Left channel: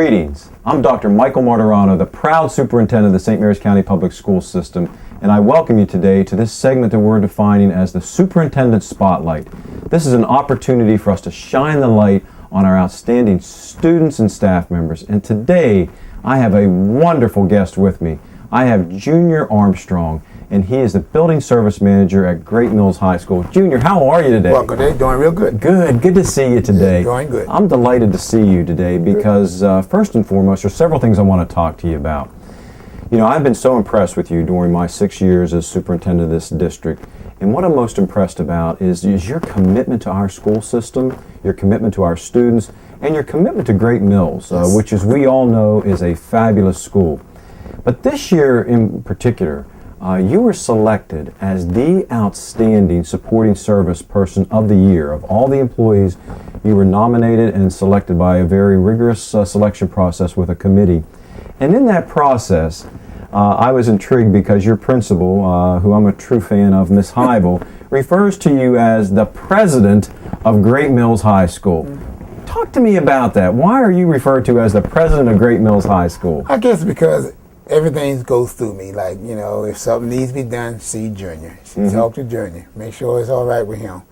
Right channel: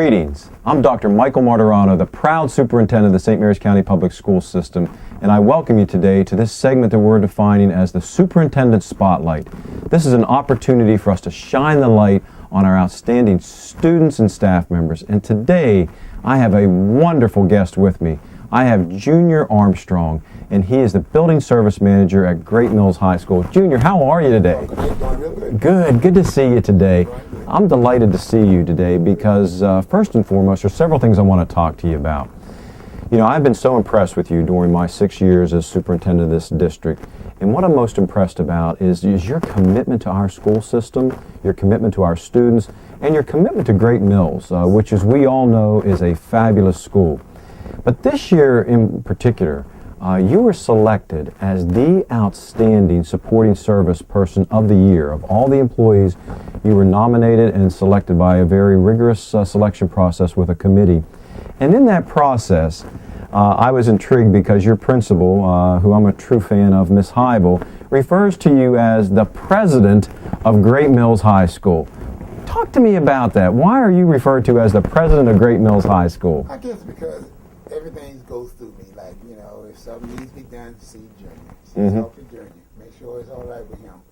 Greetings. I'm Dr. Michael Martirano, the proud superintendent of the St. Mary's County Public School System, and I welcome you today to this segment that we're defining as the Superintendent Spotlight. This is an opportunity for us to shine the light on our outstanding students and staff members, and today I have a wonderful guest with me. I have Junior Armstrong, and he is the Building Service Manager at Great Mills High School. Junior, how are you today? Well, good. Doing real good. Good to see you today. Doing good. I'm delighted to see you today because first and foremost, there's several things I want to talk to you about. You know, I've been so impressed with you during my 6 years as superintendent of this district, and what I'm most impressed about is your commitment to our school system, your commitment to our students, and your commitment to Great Mills, which, as we all know, is a fabulous school. But this year in particular, you were selected as the outstanding supporting service person of the year. Of all the employees, you were nominated and selected by a very rigorous selection process with a committee. And in that process, I was intrigued because your principal, who I'm a true fan of, Miss Hybel, refers to you as the president of Great Mills High School. Talk to me about that. Why are you referred to as the president of Great Mills High School? I guess because everything goes through me. Like, you know, if something needs to be done, see Junior. Talk to Junior. Make sure it's all right with him.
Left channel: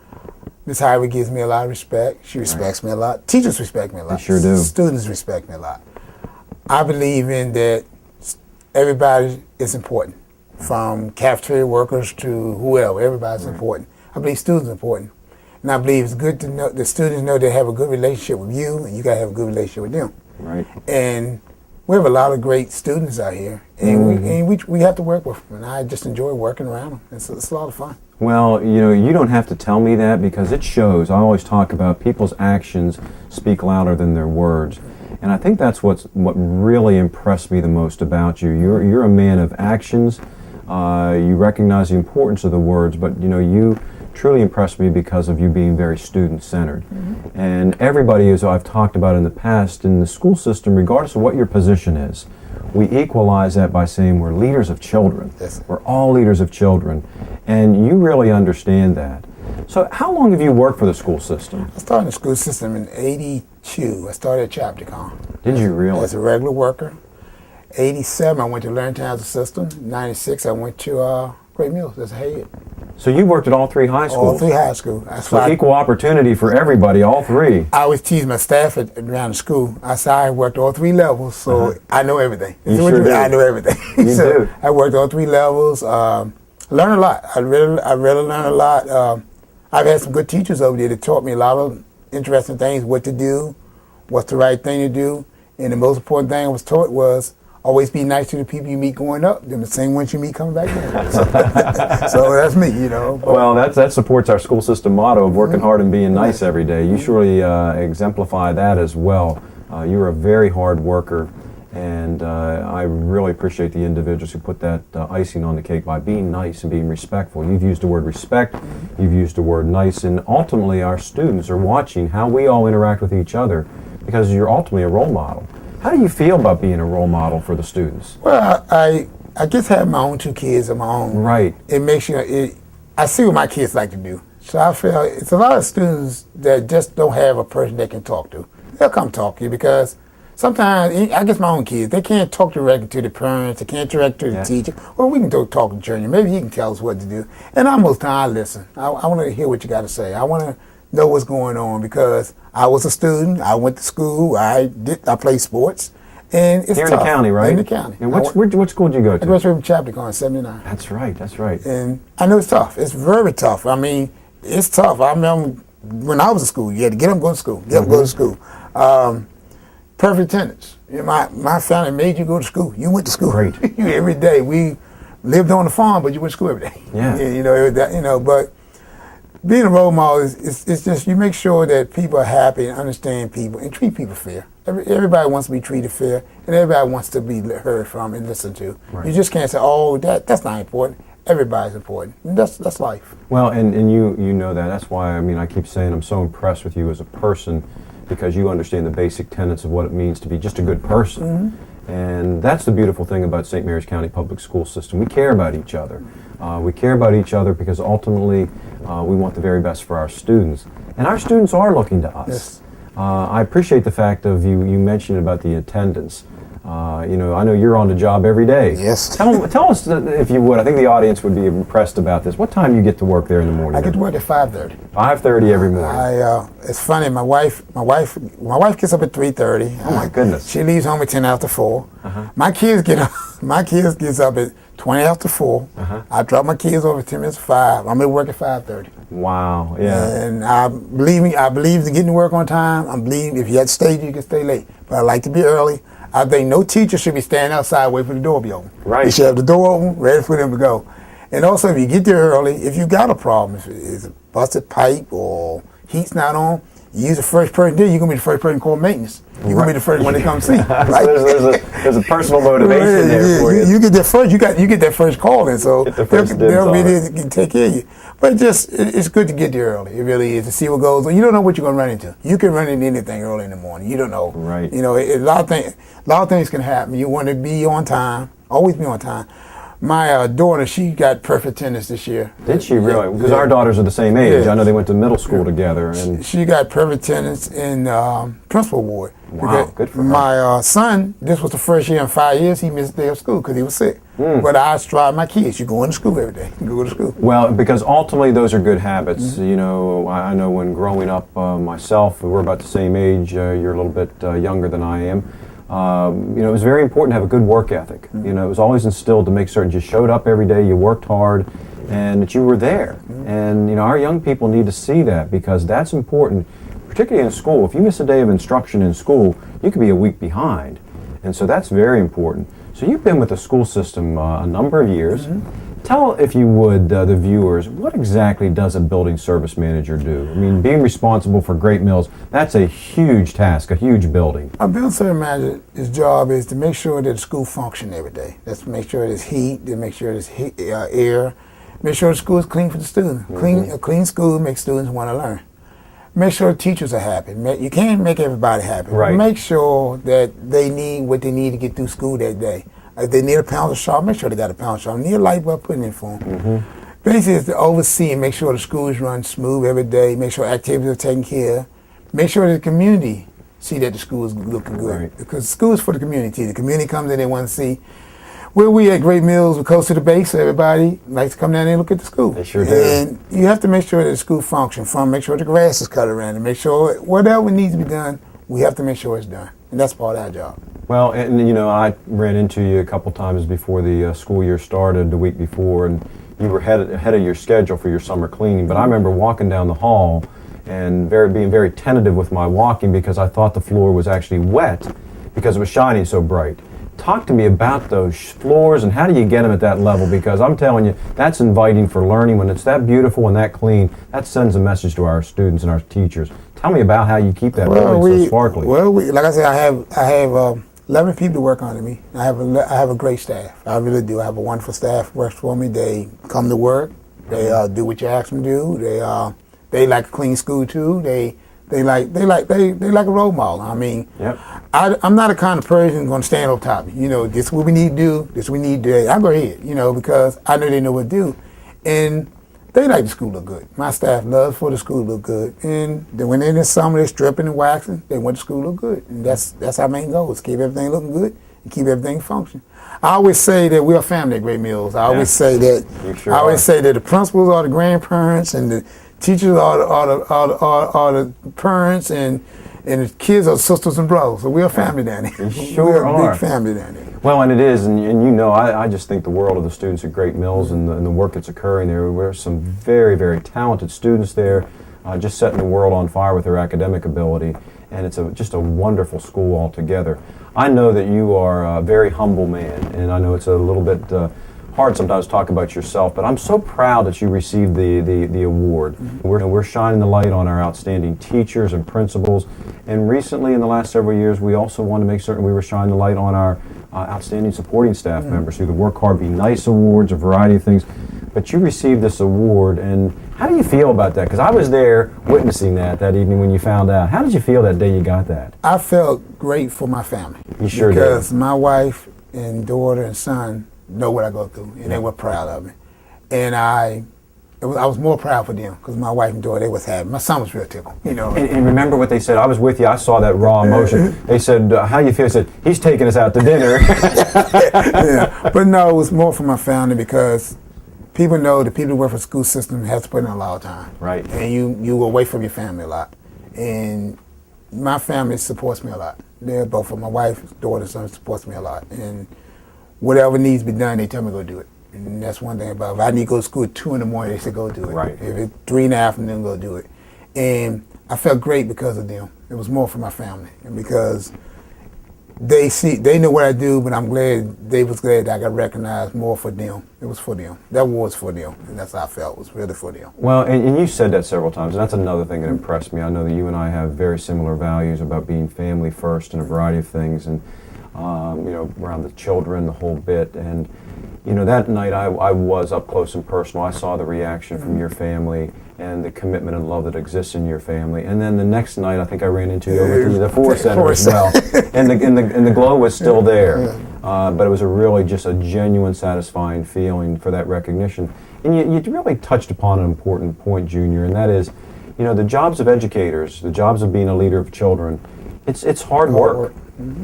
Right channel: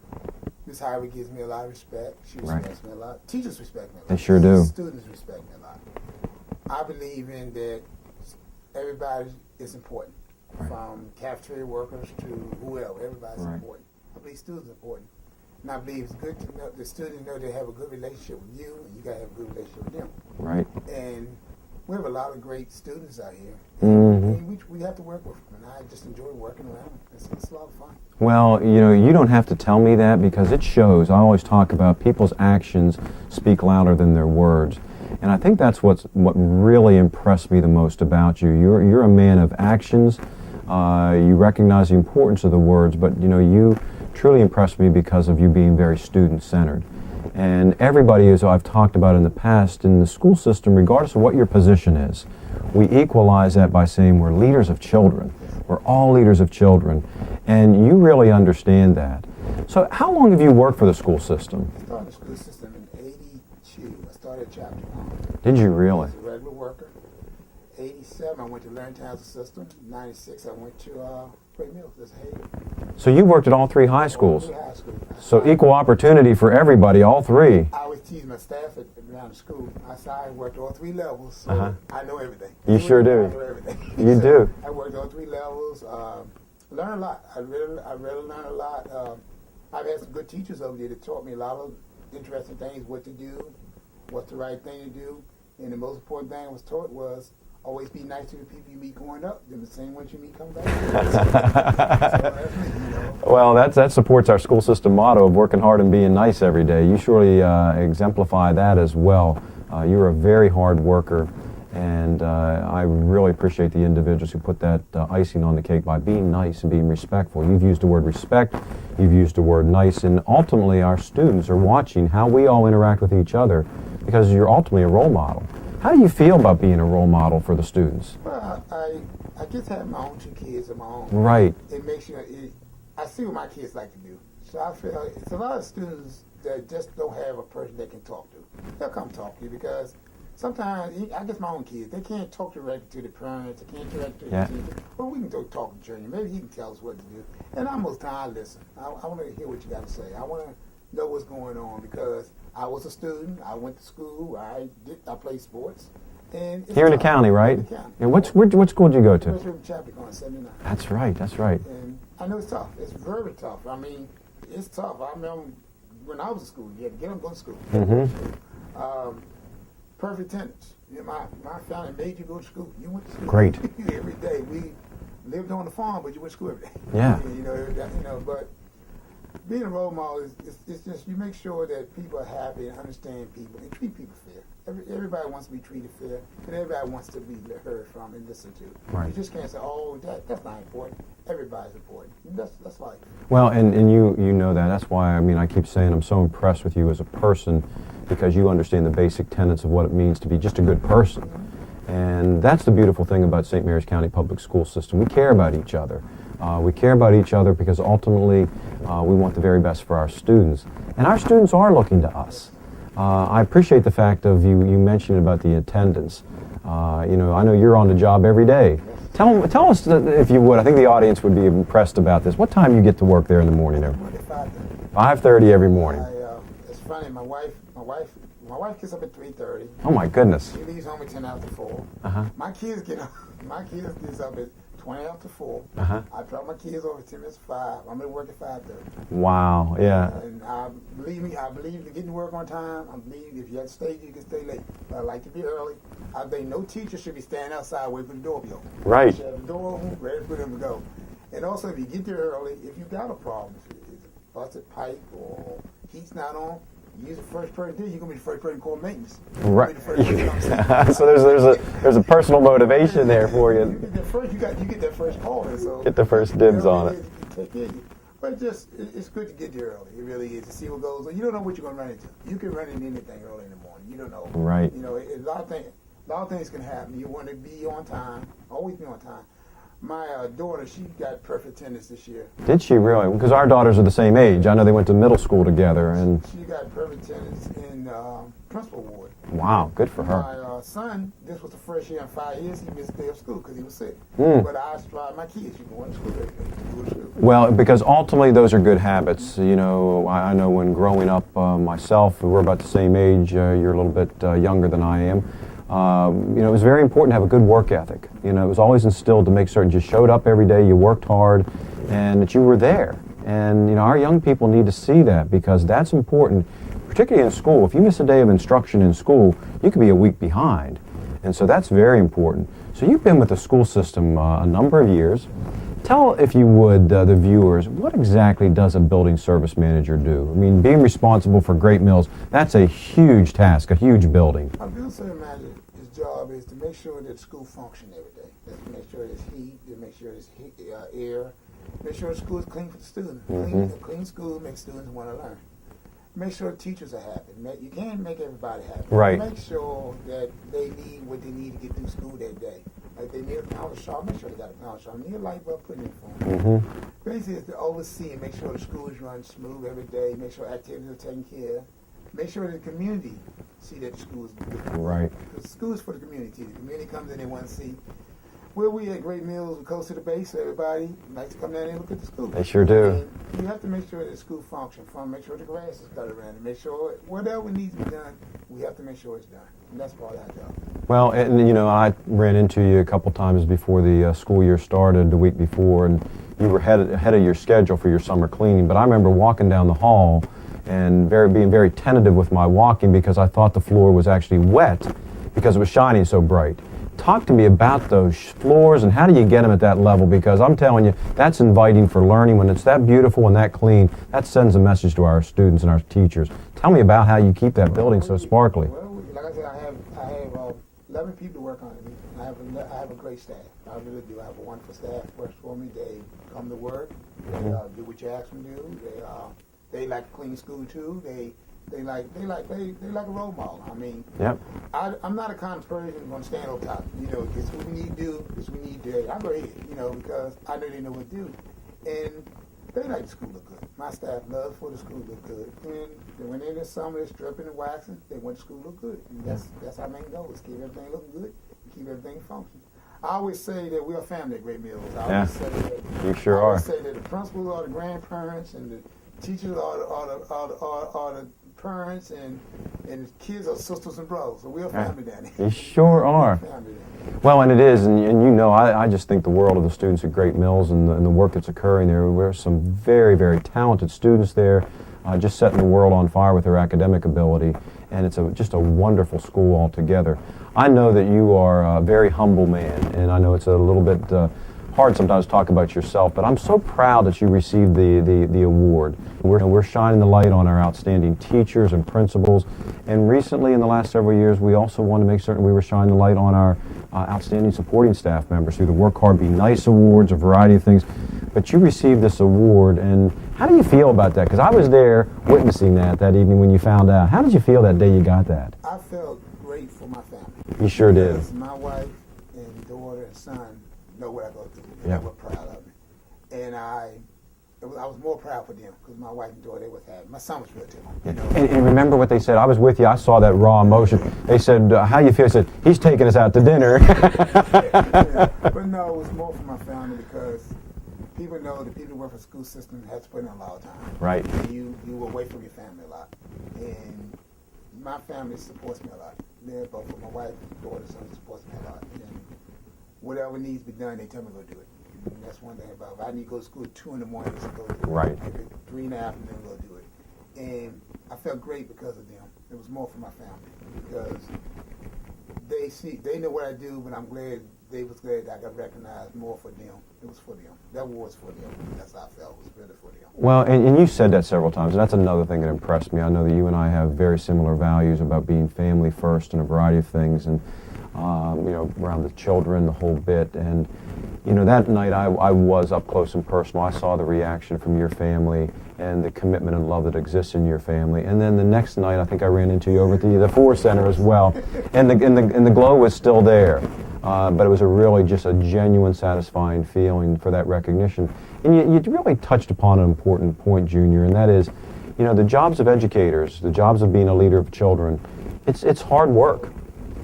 Miss Hybel gives me a lot of respect. She respects me a lot. Teachers respect me a lot. They sure do. Students respect me a lot. I believe in that everybody is important, from cafeteria workers to whoever. Everybody's important. I believe students are important. And I believe it's good to know the students know they have a good relationship with you, and you got to have a good relationship with them. Right. And we have a lot of great students out here, and we have to work with them, and I just enjoy working around them. It's a lot of fun. Well, you know, you don't have to tell me that because it shows. I always talk about people's actions speak louder than their words, and I think that's what really impressed me the most about you. You're a man of actions. You recognize the importance of the words, but you know, you truly impressed me because of you being very student-centered. And everybody, as I've talked about in the past, in the school system, regardless of what your position is, we equalize that by saying we're leaders of children. Yes. We're all leaders of children. And you really understand that. So how long have you worked for the school system? I started the school system in '82. I started at Chapter. Did you really? As a regular worker. '87, I went to Learning Town System. '96, I went to Great Mills as a head. So you worked at all three high schools? All three high schools. So equal opportunity for everybody, all three. I always tease my staff around the school. I said I worked all three levels, so I know everything. You sure do. I know everything. You do. I worked all three levels. Learned a lot. I really learned a lot. I've had some good teachers over there that taught me a lot of interesting things, what to do, what's the right thing to do. And the most important thing I was taught was always be nice to the people you meet going up, then the same ones you meet coming back down. So that's me, you know. Well, that supports our school system motto of working hard and being nice every day. You surely exemplify that as well. You're a very hard worker, and I really appreciate the individuals who put that icing on the cake by being nice and being respectful. You've used the word respect, you've used the word nice, and ultimately our students are watching how we all interact with each other because you're ultimately a role model. How do you feel about being a role model for the students? Well, I just have my own two kids of my own. Right. It makes you, I see what my kids like to do. So I feel it's a lot of students that just don't have a person they can talk to. They'll come talk to you because sometimes, I guess my own kids, they can't talk directly to the parents, they can't direct to the teacher. Well, we can talk to Junior. Maybe he can tell us what to do. And almost time I listen. I want to hear what you got to say. I want to know what's going on because I was a student. I went to school. I played sports, and it's here in the county, right? In the county. And what school did you go to? I went from Chapter 79. That's right. That's right. And I know it's tough. It's very tough. I mean, it's tough. I remember when I was in school, you had to get up, go to school. Get up, go to school. Perfect attendance. You know, my family made you go to school. You went to school. Great. Every day. We lived on the farm, but you went to school every day. Yeah. You know, but being a role model is just you make sure that people are happy and understand people and treat people fair. Everybody wants to be treated fair, and everybody wants to be heard from and listened to. Right. You just can't say, "Oh, that's not important." Everybody's important. And that's life. Well, and you know that. That's why I keep saying I'm so impressed with you as a person because you understand the basic tenets of what it means to be just a good person. And that's the beautiful thing about St. Mary's County Public School System. We care about each other. We care about each other because ultimately we want the very best for our students. And our students are looking to us. I appreciate the fact of you mentioned about the attendance. You know, I know you're on the job every day. Yes. Tell us, if you would. I think the audience would be impressed about this. What time you get to work there in the morning? I get to work at 5:30. 5:30 every morning. It's funny. My wife gets up at 3:30. Oh my goodness. She leaves home at 10 after 4. My kids get up. My kids gets up at 20 after 4. I drop my kids over at 10 minutes to 5. I'm at work at 5:30. Wow. Yeah. And I believe in getting to work on time. I believe if you had to stay, you can stay late. But I like to be early. I think no teacher should be standing outside waiting for the door to be open. Right. You should have the door open, ready for them to go. And also, if you get there early, if you got a problem, if it's a busted pipe or heat's not on, you use the first person there, you're going to be the first person called maintenance. You're going to be the first one they come see. Right? So there's a personal motivation there for you. You get there first. You get that first call, and so Get the first dibs they'll on be it. there to take care of you. But it's good to get there early. It really is, to see what goes on. You don't know what you're going to run into. You can run into anything early in the morning. You don't know. Right. You know, a lot of things can happen. You want to be on time, always be on time. My daughter, she got perfect attendance this year. Did she really? Because our daughters are the same age. Yeah. I know they went to middle school together. And She got perfect attendance in principal award. Wow, Because good for her. My son, this was the first year in 5 years he missed a day of school because he was sick. But I strive my kids. You go into school every day. You go to school. Well, because ultimately those are good habits. You know, I know when growing up myself, we're about the same age. You're a little bit younger than I am. You know, it was very important to have a good work ethic. You know, it was always instilled to make certain you showed up every day, you worked hard, and that you were there. And, you know, our young people need to see that because that's important, particularly in school. If you miss a day of instruction in school, you could be a week behind. And so that's very important. So you've been with the school system a number of years. Tell, if you would, the viewers, what exactly does a building service manager do? I mean, being responsible for Great Mills, that's a huge task, a huge building. A building service manager's job is to make sure that the school functions every day. That's to make sure there's heat, to make sure there's air, make sure the school is clean for the student. A clean school makes students want to learn. Make sure teachers are happy. You can't make everybody happy. Right. Make sure that they need what they need to get through school that day. If they need a pencil sharp, make sure they got a pencil sharp. Need a light bulb, put it in for them. Basically, it's to oversee and make sure the schools run smooth every day. Make sure activities are taken care of. Make sure that the community see that the school is looking good. Right. Because the school is for the community. The community comes in, they want to see. Where we at Great Mills, we're close to the base, so everybody likes to come down there and look at the school. They sure do. And you have to make sure that the school functions. Make sure the grass is cut around it. Make sure whatever needs to be done, we have to make sure it's done. And that's part of our job. Well, and you know, I ran into you a couple times before the school year started, the week before, and you were ahead of your schedule for your summer cleaning. But I remember walking down the hall and being very tentative with my walking because I thought the floor was actually wet because it was shining so bright. Talk to me about those floors and how do you get them at that level? Because I'm telling you, that's inviting for learning. When it's that beautiful and that clean, that sends a message to our students and our teachers. Tell me about how you keep that building so sparkly. Well, like I said, I have 11 people to work under me. I have a great staff. I really do. I have a wonderful staff who works for me. They come to work. They do what you ask them to do. They like a clean school too. They like a role model. I mean, Yep. I'm not a kind of person going to stand on top. You know, this is what we need to do. This is what we need to do. I go ahead, you know, because I know they know what to do, and they like the school to look good. My staff loves for the school to look good, and then when they're in the summer, they're stripping and waxing. They want the school to look good, and that's our main goal: is keep everything looking good and keep everything functioning. I always say that we're a family at Great Mills. I always say that. You sure I always are. say that the principals are the grandparents, and the teachers are the parents, and the kids are sisters and brothers. So we're a family down here. You sure we're a are. big family down here. Well, and it is, and you know, I just think the world of the students at Great Mills and the work that's occurring there. There's some very, very talented students there, just setting the world on fire with their academic ability, and it's just a wonderful school altogether. I know that you are a very humble man, and I know it's a little bit hard sometimes to talk about yourself, but I'm so proud that you received the award. We're shining the light on our outstanding teachers and principals, and recently in the last several years we also want to make certain we were shining the light on our outstanding supporting staff members through the Work Hard, Be Nice awards, a variety of things. But you received this award, and how do you feel about that? Because I was there witnessing that evening when you found out. How did you feel that day you got that? I felt great for my family. You sure did. Because my wife and daughter and son know what I go through, and they were proud of me. And I I was more proud for them because my wife and daughter, they was happy. My son was real tickled, you know. And remember what they said? I was with you. I saw that raw emotion. They said, how you feel? I said, he's taking us out to dinner. Yeah. But no, it was more for my family because people know the people who work for the school system have to put in a lot of time. Right. And you away from your family a lot. And my family supports me a lot. They're both of my wife, daughter, son supports me a lot. And whatever needs to be done, they tell me to go do it. And that's one thing about it. If I need to go to school at 2 in the morning, they say go do it. Right. If it's 3 in the afternoon, go do it. And I felt great because of them. It was more for my family. And because they know what I do, but I'm glad they was glad that I got recognized more for them. It was for them. That was for them. And that's how I felt. It was really for them. Well, and you said that several times, and that's another thing that impressed me. I know that you and I have very similar values about being family first in a variety of things, and you know, around the children, the whole bit. And you know, that night I was up close and personal. I saw the reaction from your family and the commitment and love that exists in your family. And then the next night, I think I ran into you over to the Force Center as well, and the glow was still there. But it was really just a genuine, satisfying feeling for that recognition. And you really touched upon an important point, Junior, and that is, you know, the jobs of educators, the jobs of being a leader of children, it's hard work.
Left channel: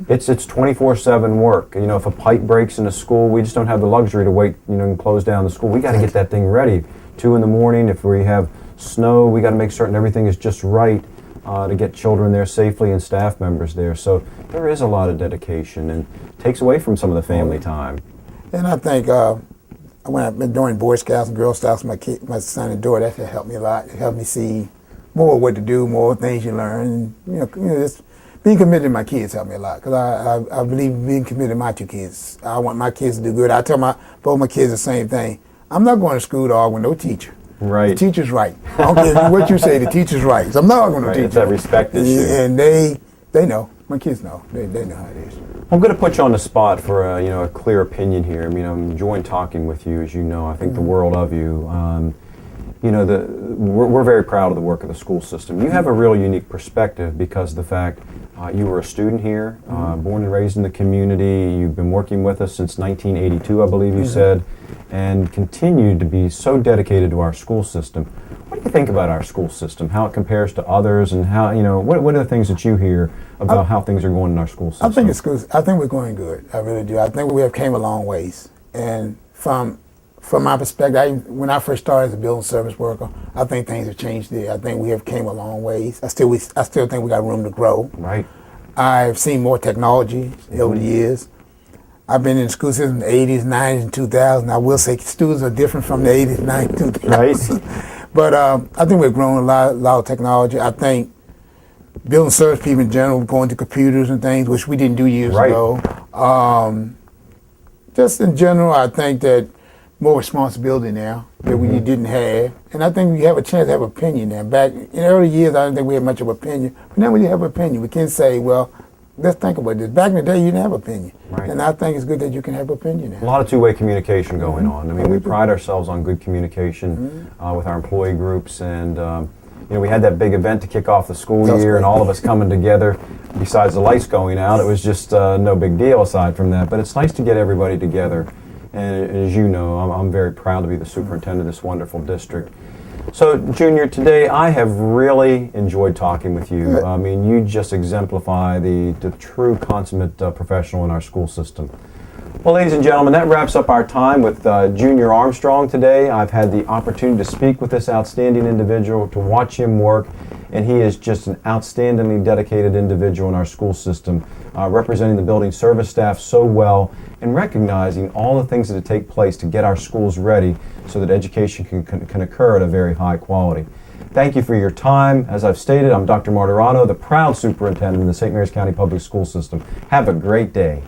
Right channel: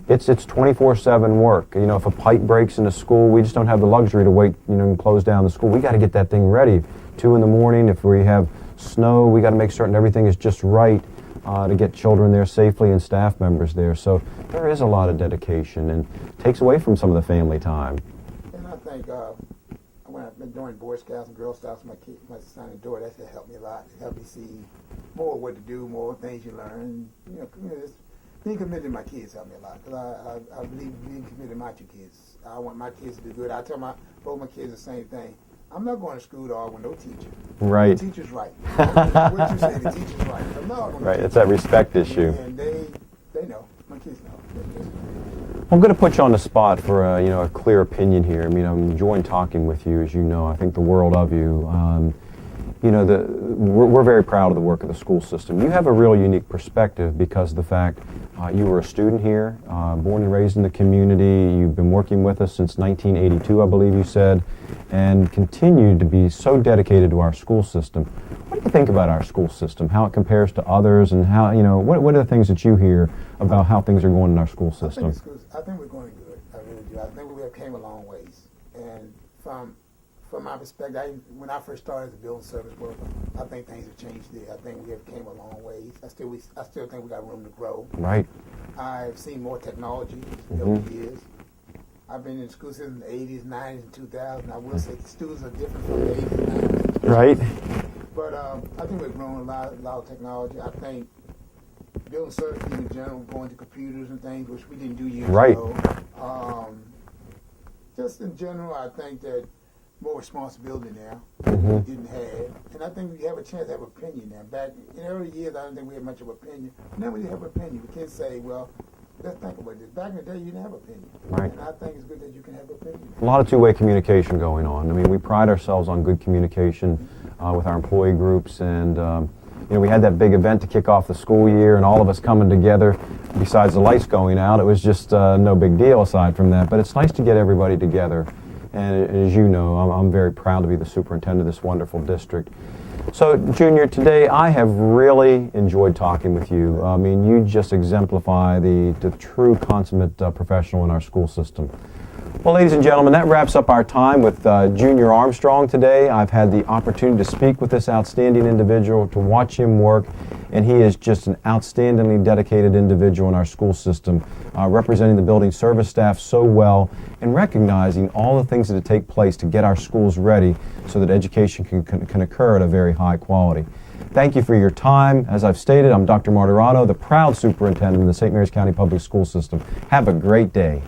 It's 24/7 work. You know, if a pipe breaks in a school, we just don't have the luxury to wait, you know, and close down the school. We got to get that thing ready. 2 in the morning, if we have snow, we got to make certain everything is just right to get children there safely and staff members there. So there is a lot of dedication and takes away from some of the family time. And I think when I've been doing Boy Scouts and Girl Scouts, my son and daughter, that helped me a lot. It helped me see more what to do, more things you learn. And, you know, just being committed to my kids helped me a lot because I believe being committed to my 2 kids. I want my kids to do good. I tell both my kids the same thing. I'm not going to school to argue with no teacher. Right. The teacher's right. I don't care what you say, the teacher's right. So I'm not arguing with the teacher. It's that respect issue. And they know. My kids know. They know how it is. I'm going to put you on the spot for you know, a clear opinion here. I mean, I'm enjoying talking with you, as you know. I think the world of you. You know, we're very proud of the work of the school system. You have a real unique perspective because of the fact you were a student here, born and raised in the community. You've been working with us since 1982, I believe you said, and continue to be so dedicated to our school system. What do you think about our school system, how it compares to others, and how, you know, what are the things that you hear about how things are going in our school system? I think we're going good. I really do. I think we have came a long ways. And from my perspective, when I first started as a building service worker, I think things have changed there. I think we have came a long ways. I still think we got room to grow. Right. I've seen more technology over the years. I've been in the school system in the 80s, 90s, and 2000s. I will say students are different from the 80s, 90s, 2000s. Right. But I think we're growing a lot of technology. I think building service people in general, going to computers and things, which we didn't do years ago. Just in general, I think that more responsibility now that we didn't have. And I think we have a chance to have opinion now. Back in early years, I didn't think we had much of an opinion. But now we have an opinion. We can say, well, let's think about this. Back in the day, you didn't have opinion. Right. And I think it's good that you can have opinion now. A lot of two-way communication going on. I mean, we pride ourselves on good communication with our employee groups, and you know, we had that big event to kick off the school year, and all of us coming together. Besides the lights going out, it was just no big deal aside from that. But it's nice to get everybody together. And as you know, I'm very proud to be the superintendent of this wonderful district. So, Junior, today I have really enjoyed talking with you. I mean, you just exemplify the true consummate professional in our school system. Well, ladies and gentlemen, that wraps up our time with Junior Armstrong today. I've had the opportunity to speak with this outstanding individual, to watch him work, and he is just an outstandingly dedicated individual in our school system, representing the building service staff so well and recognizing all the things that take place to get our schools ready so that education can occur at a very high quality. Thank you for your time. As I've stated, I'm Dr. Martirano, the proud superintendent of the St. Mary's County Public School System. Have a great day.